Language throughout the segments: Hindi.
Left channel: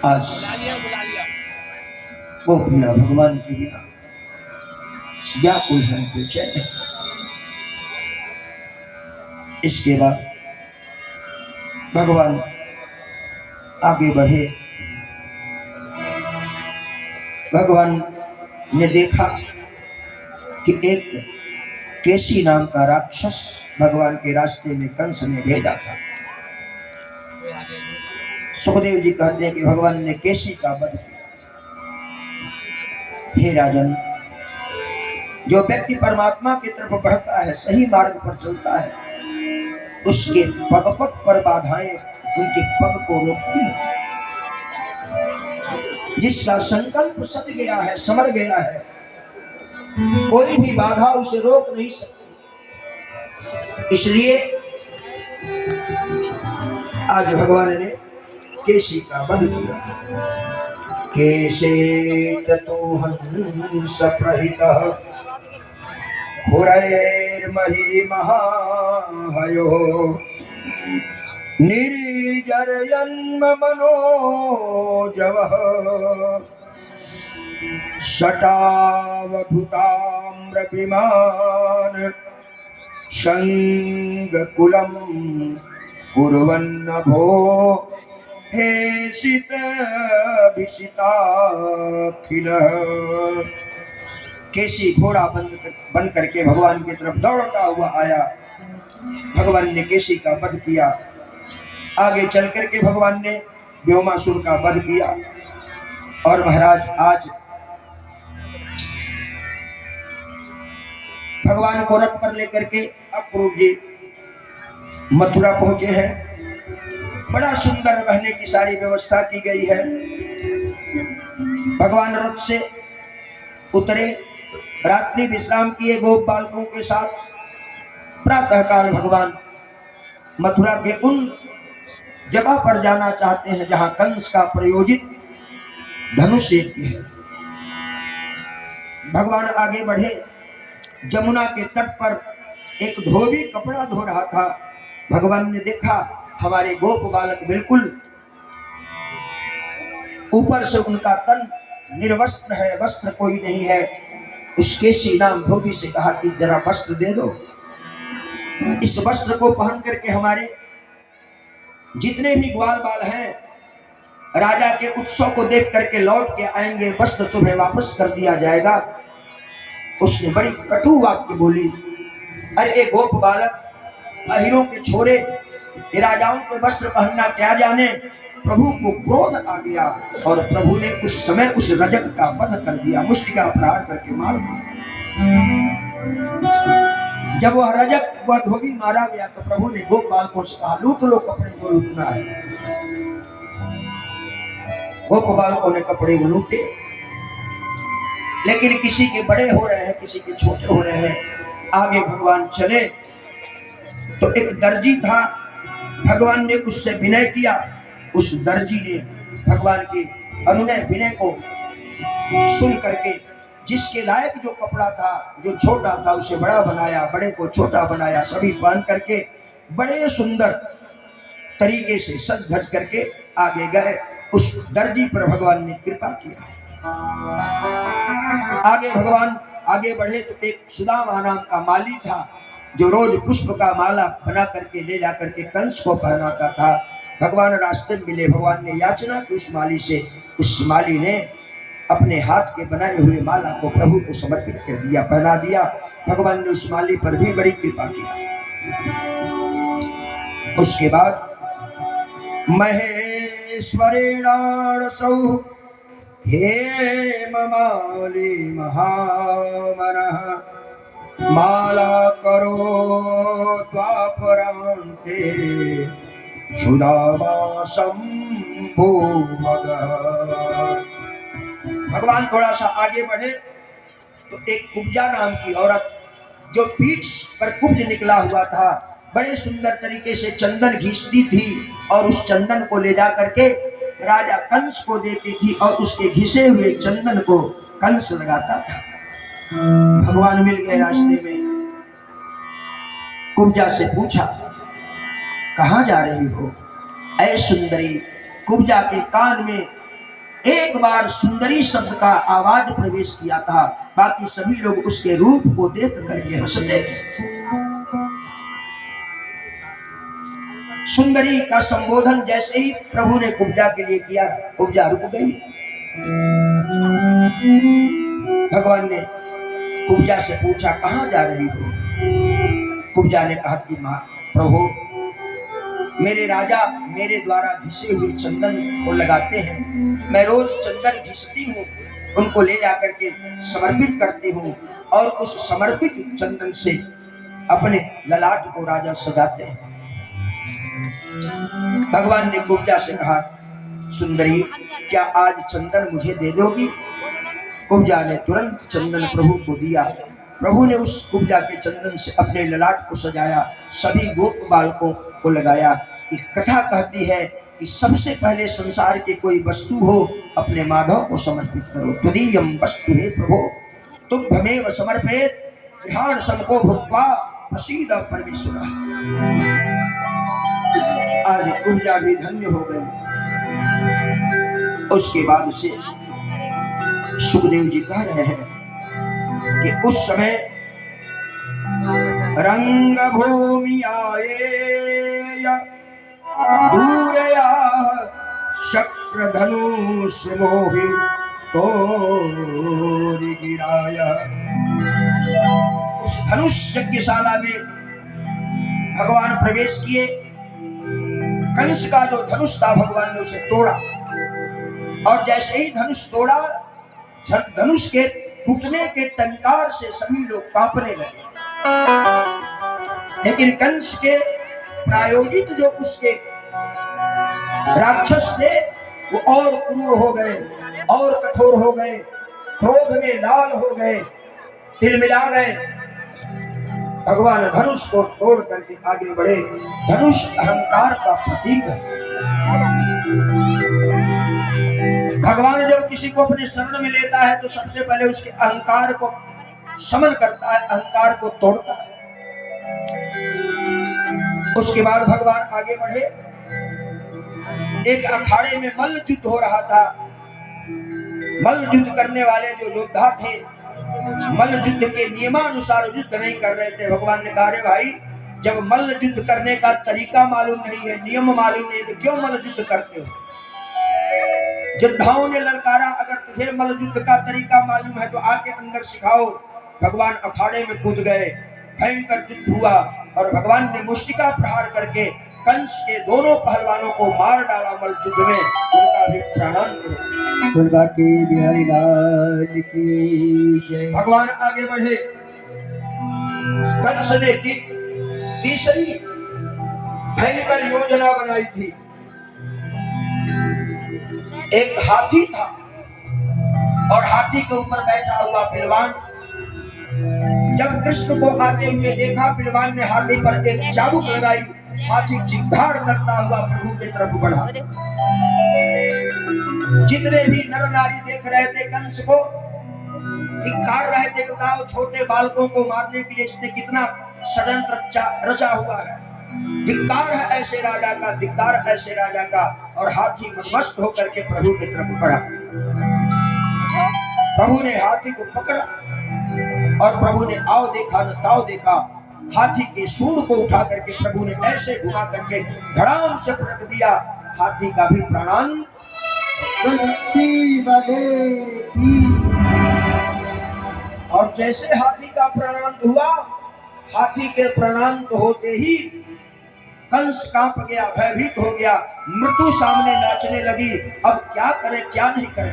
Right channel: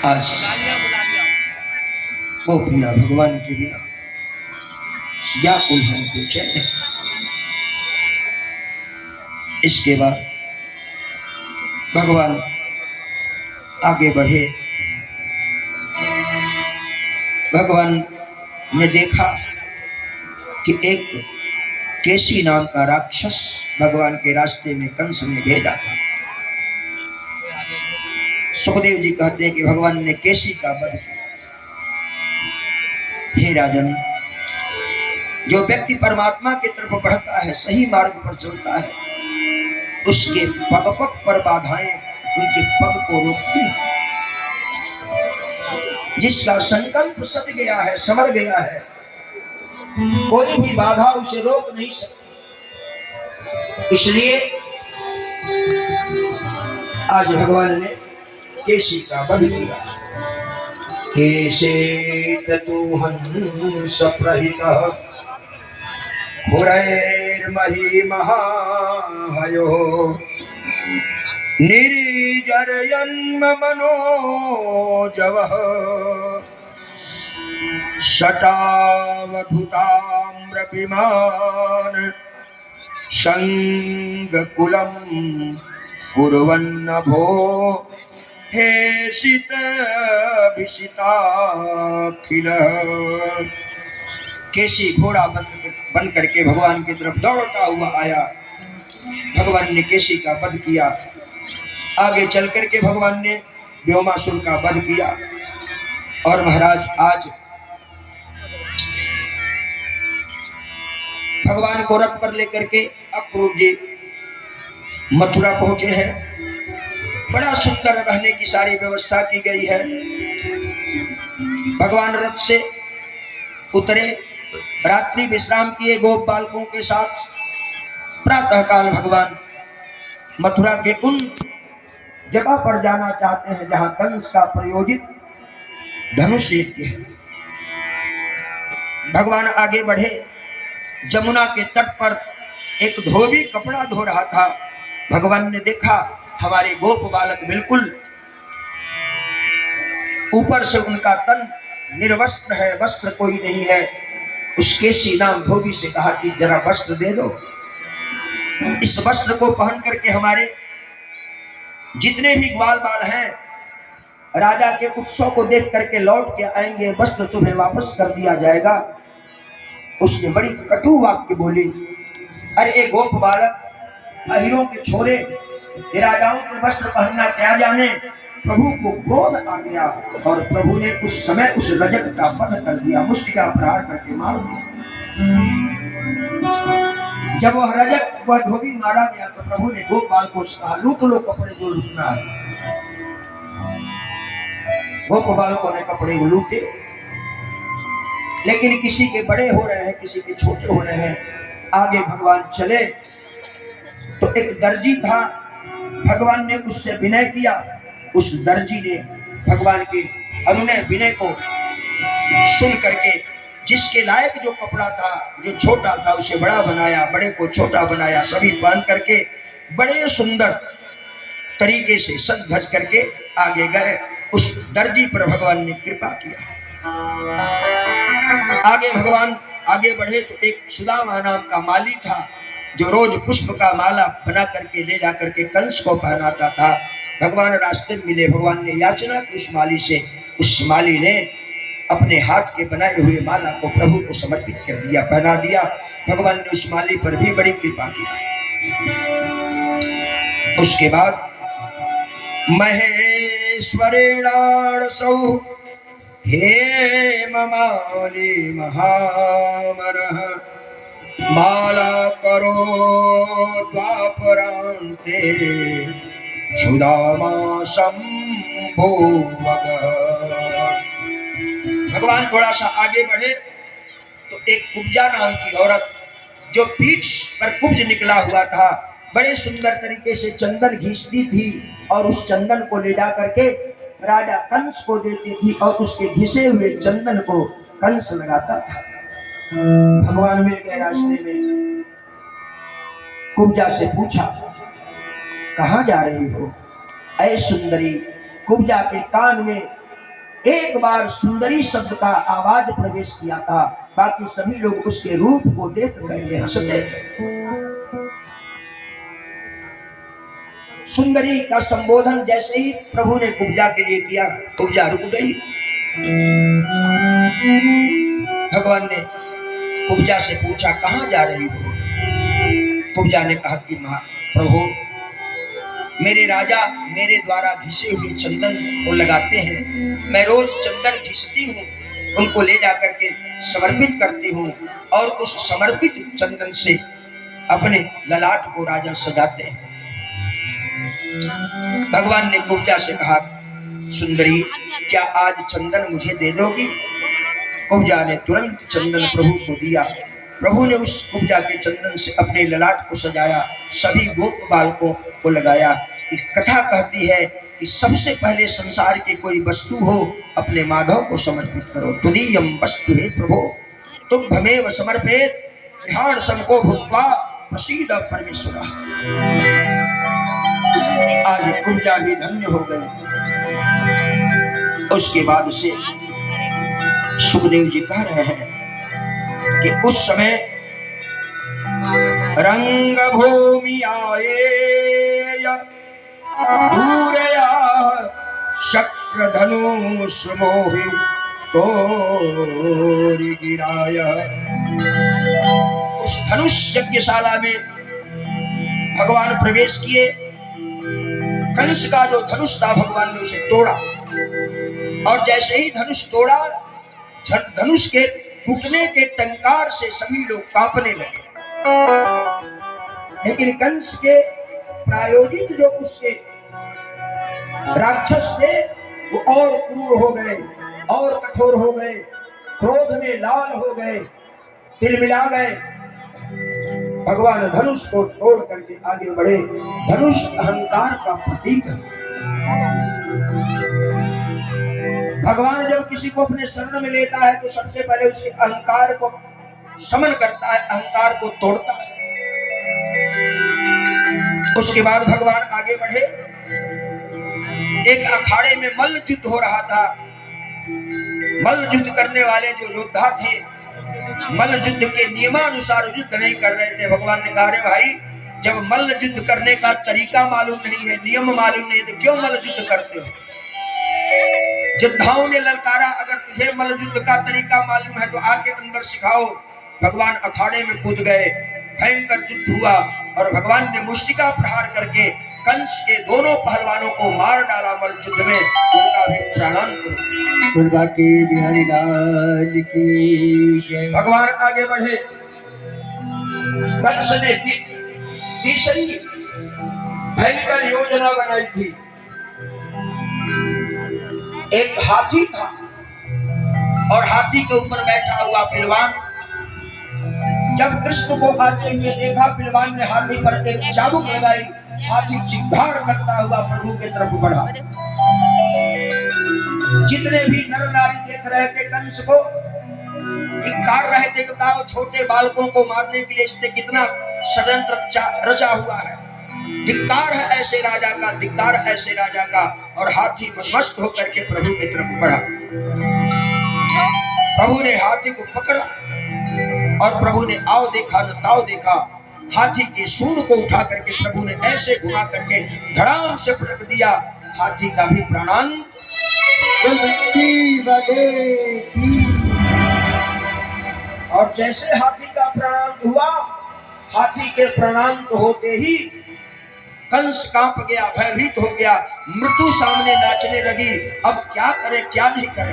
आज गोपियां भगवान के बिना व्याकुल हैं, बेचैन हैं। इसके बाद भगवान आगे बढ़े। भगवान ने देखा कि एक केसी नाम का राक्षस भगवान के रास्ते में कंस ने भेजा था। सुखदेव जी कहते हैं कि भगवान ने केसी का वध किया। हे राजन, जो व्यक्ति परमात्मा की तरफ बढ़ता है, सही मार्ग पर चलता है, उसके पग पग पर बाधाएं उनके पग को रोकती हैं। जिसका संकल्प सच गया है, समर गया है, कोई भी बाधा उसे रोक नहीं सकती। इसलिए आज भगवान ने केसी का वध किया। केसे ततो हंस प्रहितः पुरैर्मही महाहयो निर्जरयन् मनोजवः शटावधुताम्रविमान् शङ्कुलं कुर्वन्नभो हे सिताभिषिताखिल। केसी घोड़ा बन करके भगवान की तरफ दौड़ता हुआ आया। भगवान ने केसी का वध किया। आगे चल करके भगवान ने व्योमासुर का वध किया। और महाराज आज भगवान को रथ पर लेकर के अक्रूर जी मथुरा पहुंचे हैं। बड़ा सुंदर रहने की सारी व्यवस्था की गई है। भगवान रथ से उतरे, रात्रि विश्राम किए गोप बालकों के साथ। प्रातः काल भगवान मथुरा के उन जगह पर जाना चाहते हैं जहां कंस का प्रयोजित धनुष यज्ञ है। भगवान आगे बढ़े। जमुना के तट पर एक धोबी कपड़ा धो रहा था। भगवान ने देखा हमारे गोप बालक बिल्कुल ऊपर से उनका तन निर्वस्त्र है, वस्त्र कोई नहीं है। उस केसी नाम धोबी से कहा कि जरा वस्त्र दे दो। इस वस्त्र को पहन करके हमारे जितने भी ग्वाल बाल हैं राजा के उत्सव को देख करके लौट के आएंगे, वस्त्र तुम्हें वापस कर दिया जाएगा। उसने बड़ी कटु वाक्य बोली। अरे ए गोप बालक, अहिरों के छोरे, राजाओं के वस्त्र पहनना क्या जाने। प्रभु को क्रोध आ गया और प्रभु ने उस समय उस रजक का वध कर दिया, मुष्टिका प्रहार करके मार दिया। जब वह रजक वह धोबी मारा गया तो प्रभु ने गोपाल को कहा लूट लो कपड़े जो लूटना है। गोप बालकों ने कपड़े लूटे, लेकिन किसी के बड़े हो रहे हैं, किसी के छोटे हो रहे हैं। आगे भगवान चले तो एक दर्जी था। भगवान ने उससे विनय किया। उस दर्जी ने भगवान के अनुनय विनय को सुन करके जिसके लायक जो कपड़ा था, जो छोटा था, उसे बड़ा बनाया, बड़े को छोटा बनाया। सभी पहन करके बड़े सुंदर तरीके से सज धज करके आगे गए। उस दर्जी पर भगवान ने कृपा किया। आगे भगवान आगे बढ़े तो एक सुदामा नाम का माली था जो रोज पुष्प का माला बना करके ले जा करके कंस को पहनाता था। भगवान रास्ते में मिले। भगवान ने याचना की उस माली से। उस माली ने अपने हाथ के बनाए हुए माला को प्रभु को समर्पित कर दिया, पहना दिया। भगवान ने उस माली पर भी बड़ी कृपा की। उसके बाद महेश्वरेणासौ हे ममाली महामनः माला करो द्वापरान्ते सुदामा शंभो मगः। भगवान थोड़ा सा आगे बढ़े तो एक कुब्जा नाम की औरत जो पीठ पर कुब्ज निकला हुआ था, बड़े सुंदर तरीके से चंदन घिसती थी और उस चंदन को ले जा करके राजा कंस को देती थी और उसके घिसे हुए चंदन को कंस लगाता था। भगवान मिल गए रास्ते में। कुब्जा से पूछा कहां जा रही हो? ऐ सुंदरी। कुब्जा के कान में एक बार सुंदरी शब्द का आवाज प्रवेश किया था, बाकी सभी लोग उसके रूप को देख करके हंसते थे। सुंदरी का संबोधन जैसे ही प्रभु ने कुब्जा के लिए किया, कुब्जा रुक गई। भगवान ने कुब्जा से पूछा, कहां जा रही हो? कुब्जा ने कहा कि मां प्रभु, मेरे राजा मेरे द्वारा घिसे हुए चंदन को लगाते हैं, मैं रोज चंदन घिसती हूँ, उनको ले जाकर के समर्पित करती हूँ और उस समर्पित चंदन से अपने ललाट को राजा सजाते हैं। भगवान ने कुब्जा से कहा, सुंदरी क्या आज चंदन मुझे दे दोगी? कुब्जा ने तुरंत चंदन प्रभु को दिया। प्रभु ने उस कुब्जा के चंदन से अपने ललाट को सजाया, सभी गोप बालकों को लगाया। एक कथा कहती है कि सबसे पहले संसार के कोई वस्तु हो, अपने माधव को समर्पित करो। तुदीयम वस्तु हे प्रभु तुभ्यमेव समर्पेत ध्यान सबको भुक्त्वा प्रसीद परमेश्वरः। आज कुब्जा भी धन्य हो गई। उसके बाद से सुखदेव जी कह रहे हैं कि उस समय रंग भूमि आए दूरया शक्र धनुष मोहि तोरि गिराया। उस धनुष यज्ञशाला में भगवान प्रवेश किए। कंस का जो धनुष था भगवान ने उसे तोड़ा, और जैसे ही धनुष तोड़ा, धनुष के टूटने के टंकार से सभी लोग कांपने लगे। लेकिन कंस के प्रायोजित जो उसके राक्षस थे वो और क्रूर हो गए और कठोर हो गए, क्रोध में लाल हो गए, तिलमिला गए। भगवान धनुष को तोड़ करके आगे बढ़े। धनुष अहंकार का प्रतीक है। भगवान जब किसी को अपने शरण में लेता है तो सबसे पहले उसके अहंकार को शमन करता है, अहंकार को तोड़ता है। उसके बाद भगवान आगे बढ़े। एक अखाड़े में मल्ल युद्ध हो रहा था। मल्ल युद्ध करने वाले जो योद्धा थे, मल्ल युद्ध के नियमानुसार युद्ध नहीं कर रहे थे। भगवान ने कहा, रे भाई, जब मल्ल युद्ध करने का तरीका मालूम नहीं है, नियम मालूम नहीं है, तो क्यों मल्ल युद्ध करते हो? योद्धाओं ने ललकारा, अगर तुझे मल्ल युद्ध का तरीका मालूम है तो आके अंदर सिखाओ। भगवान अखाड़े में कूद गए, भयंकर युद्ध हुआ और भगवान ने मुष्टिका प्रहार करके कंस के दोनों पहलवानों को मार डाला। मल्ल युद्ध में उनका भी प्राणांत। दुर्गा की बिहारी लाल की जय। भगवान आगे बढ़े। कंस ने तीसरी भयंकर योजना बनाई थी। एक हाथी था और हाथी के ऊपर बैठा हुआ पहलवान। जब कृष्ण को आते हुए देखा, पहलवान ने हाथी पर एक चाबुक लगाई। हाथी चित्कार करता हुआ प्रभु की तरफ बढ़ा। जितने भी नर नारी देख रहे थे कंस को, धिक्कार रहे थे, बताओ छोटे बालकों को मारने के लिए इसने कितना षड्यंत्र रचा हुआ है। धिक्कार है ऐसे राजा का, धिक्कार ऐसे राजा का। और हाथी मदमस्त होकर के प्रभु की तरफ बढ़ा। प्रभु ने हाथी को पकड़ा और प्रभु ने आओ देखा न ताओ देखा। हाथी के सूंड को उठा करके प्रभु ने ऐसे घुमा करके धड़ाम से पटक दिया। हाथी का भी प्राणांत। और जैसे हाथी का प्राणांत हुआ, हाथी के प्राणांत होते ही कंस कांप गया, भयभीत हो गया। मृत्यु सामने नाचने लगी। अब क्या करे, क्या नहीं करे।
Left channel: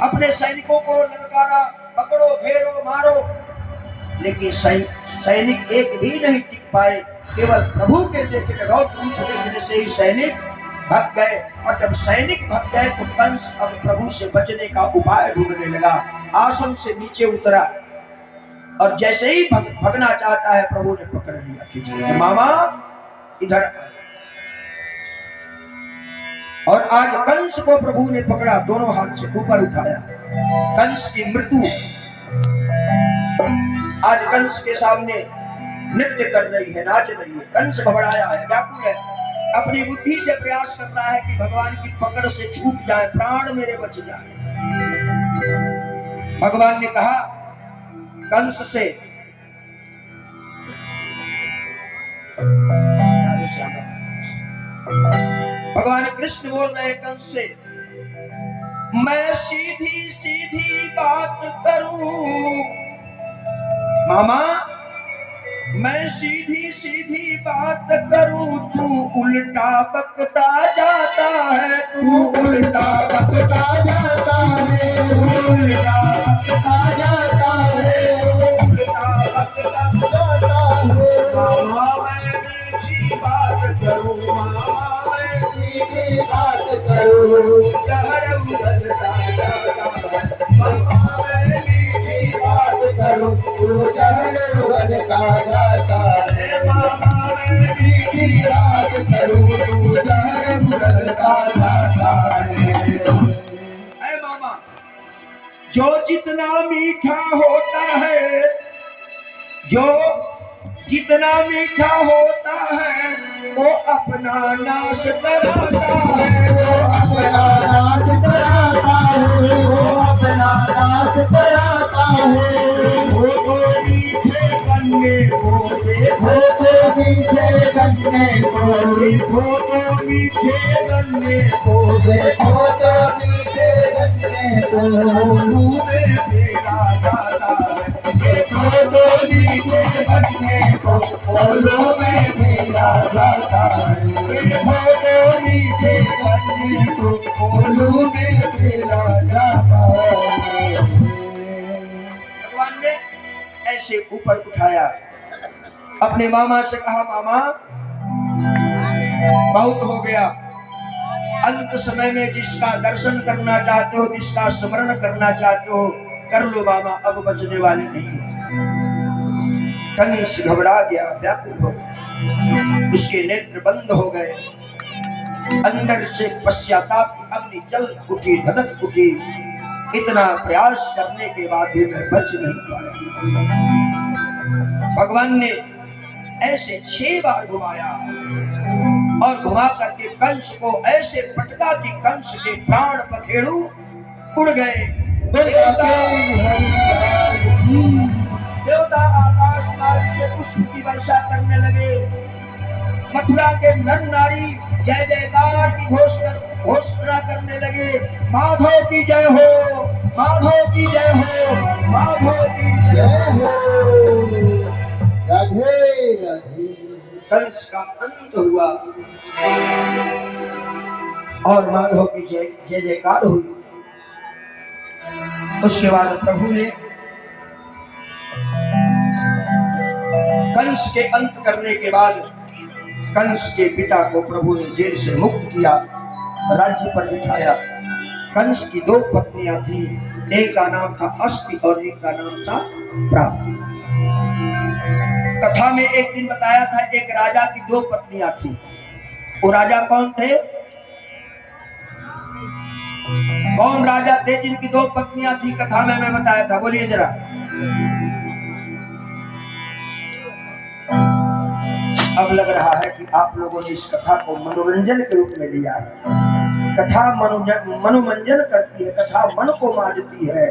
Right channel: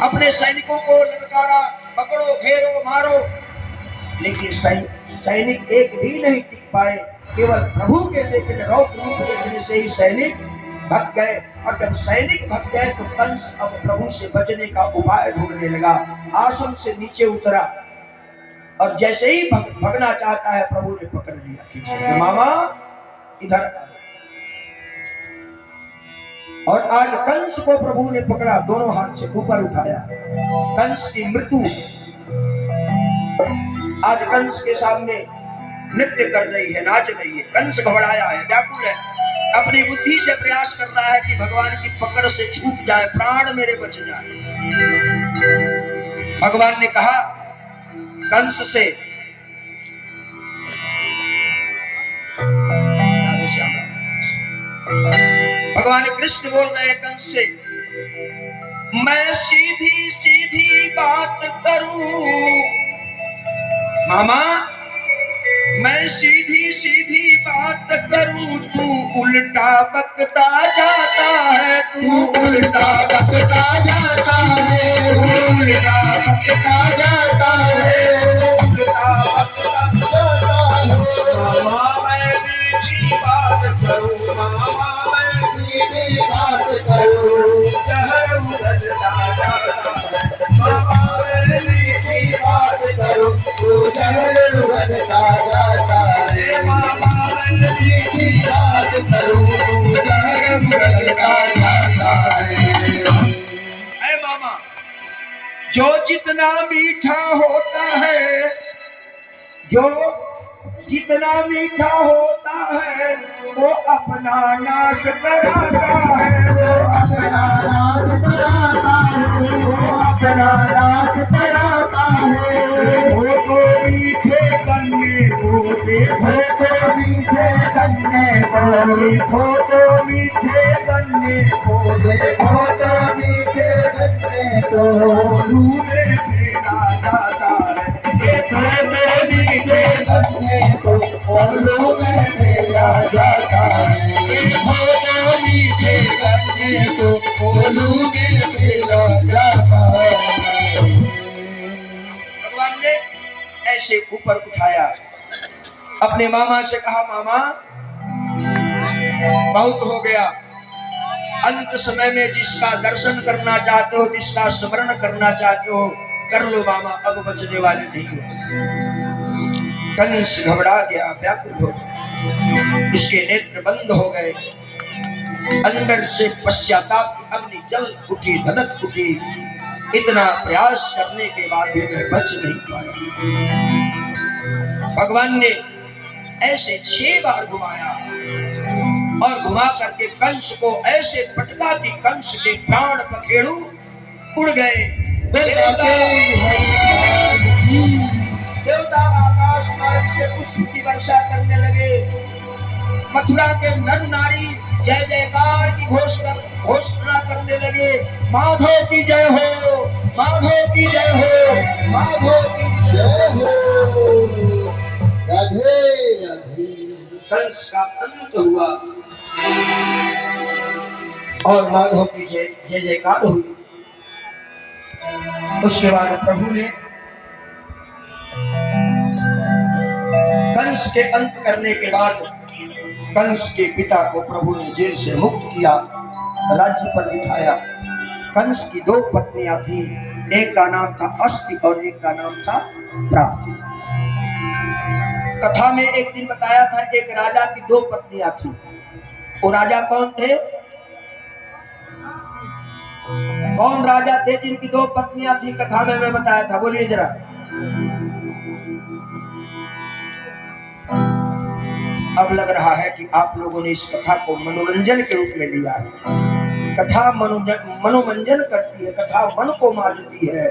अपने सैनिकों को ललकारा, पकड़ो, घेरो, मारो। लेकिन सैनिक एक भी नहीं टिक पाए। केवल प्रभु के देखने, रौद्र रूप देखने से ही सैनिक भाग गए। और जब सैनिक भाग गए तो कंस अब प्रभु से बचने का उपाय ढूंढने लगा। आसन से नीचे उतरा और जैसे ही भगना चाहता है, प्रभु ने पकड़ लिया, खींच लिया। मामा इधर। और आज कंस को प्रभु ने पकड़ा, दोनों हाथ से ऊपर उठाया। कंस की मृत्यु आज कंस के सामने नृत्य कर रही है, नाच रही है। कंस घबराया है, व्याकुल है। अपनी बुद्धि से प्रयास कर रहा है कि भगवान की पकड़ से छूट जाए, प्राण मेरे बच जाए। भगवान ने कहा कंस से, भगवान कृष्ण बोल रहे हैं कंस से, मैं सीधी सीधी बात करूं मामा, मैं सीधी सीधी बात करूं, तू उल्टा बकता जाता है, तू उल्टा बकता जाता है, तू उल्टा बकता जाता है, उल्टा बकता जाता है। मामा मैं मीठी बात करूं, मामा मैं मीठी बात करूं, जहर उगलता जाता है, मामा मैं मीठी बात करूं, तू जहर उगलता जाता है, मामा मैं मीठी बात करूं, तू जहर उगलता जाता है। ऐ मामा, जो जितना मीठा होता है, जो जितना मीठा होता है, वो अपना नाश कराता है, वो अपना नाश कराता है, वो अपना नाश कराता है। वो तो मीठे गन्ने को देखो, तो मीठे गन्ने को देखो, तो मीठे गन्ने को देखो, तो मीठे गन्ने को ओलू में फेरा जाता है, देखो तो मीठे गन्ने को ओलू में फेरा जाता है, देखो तो मीठे गन्ने को ओलू में फेरा जाता है। भगवान ने ऐसे ऊपर उठाया, अपने मामा से कहा मामा बहुत हो गया, अंत समय में जिसका दर्शन करना चाहते हो, जिसका स्मरण करना चाहते हो, कर लो मामा, अब बचने वाली नहीं है। कंस घबरा गया, व्याकुल हो गया, इसके नेत्र बंद हो गए, अंदर से पश्चाताप की अग्नि जल उठी, धधक उठी, इतना प्रयास करने के बाद भी मैं बच नहीं पाया। भगवान ने ऐसे 6 बार घुमाया और घुमा करके कंस को ऐसे पटका कि कंस के प्राण पखेरु उड़ गए। देवता आकाश मार्ग से पुष्प की वर्षा करने लगे, मथुरा के नर नारी जय जयकार की घोषणा करने लगे, माधव की जय हो, माधव की जय हो, माधव की जय हो, राधे राधे। कंस का अंत हुआ और माधव की जय जयकार हुई। उसके बाद प्रभु ने कंस के अंत करने के बाद कंस के पिता को प्रभु ने जेल से मुक्त किया, राज्य पर बिठाया। कंस की 2 पत्नियां थी, एक का नाम था अस्थि और एक का नाम था प्राप्ति। कथा में एक दिन बताया था एक राजा की 2 पत्नियां थी। वो राजा कौन थे? कौन राजा थे जिनकी 2 पत्नियां थी? कथा में मैं बताया था, बोलिए जरा। अब लग रहा है कि आप लोगों ने इस कथा को मनोरंजन के रूप में लिया है। कथा मनोरंजन करती है, कथा मन को मारती है,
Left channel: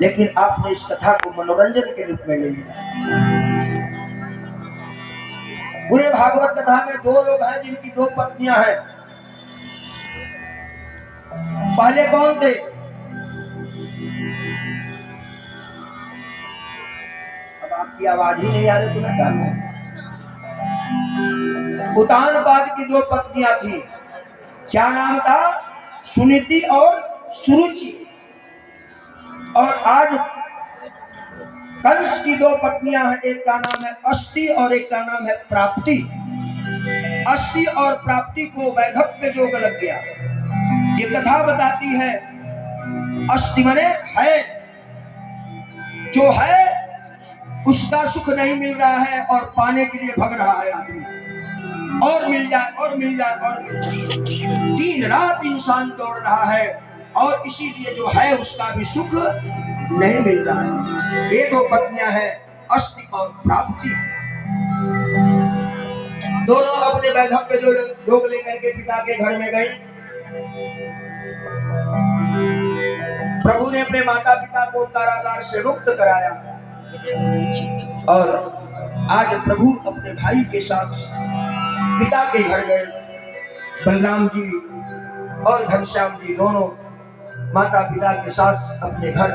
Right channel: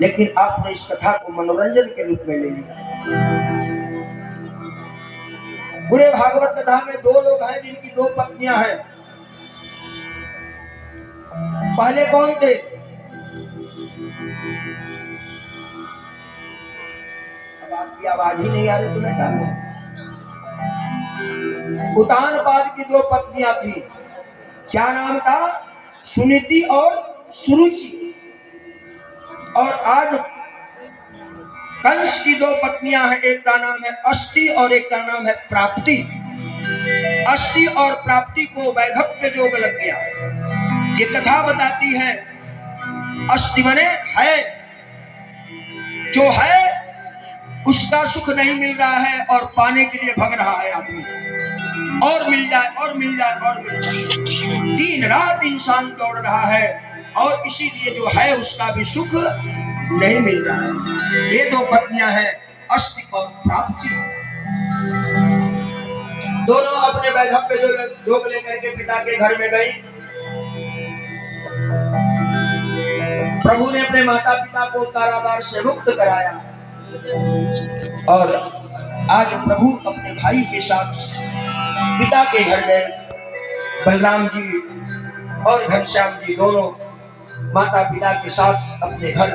लेकिन आपने इस कथा को मनोरंजन के रूप में ले लिया। पूरे भागवत कथा में 2 लोग हैं जिनकी 2 पत्नियां हैं। पहले कौन थे? अब आपकी आवाज ही नहीं आ रही तो मैं क्या कहूं? उतानपाद की 2 पत्नियां थी, क्या नाम था? सुनीति और सुरुचि। और आज कंस की 2 पत्नियां हैं, एक का नाम है अस्थि और एक का नाम है प्राप्ति। अस्थि और प्राप्ति को वैधव्य योग लग गया। ये कथा बताती है अस्थि माने है, जो है उसका सुख नहीं मिल रहा है और पाने के लिए भग रहा है आदमी, और मिल जाए और मिल जाए और मिल जाए। दिन रात इंसान दौड़ रहा है और इसीलिए जो है उसका भी सुख नहीं मिल रहा है। ये 2 पत्नियां हैं, अस्थि और प्राप्ति। दोनों अपने वैधव्य पे जोग लेकर के पिता के घर में गए। प्रभु ने अपने माता पिता को कारागार से मुक्त कराया और आज प्रभु अपने भाई के साथ पिता के घर गए। बलराम जी और घनश्याम जी दोनों माता पिता के साथ अपने घर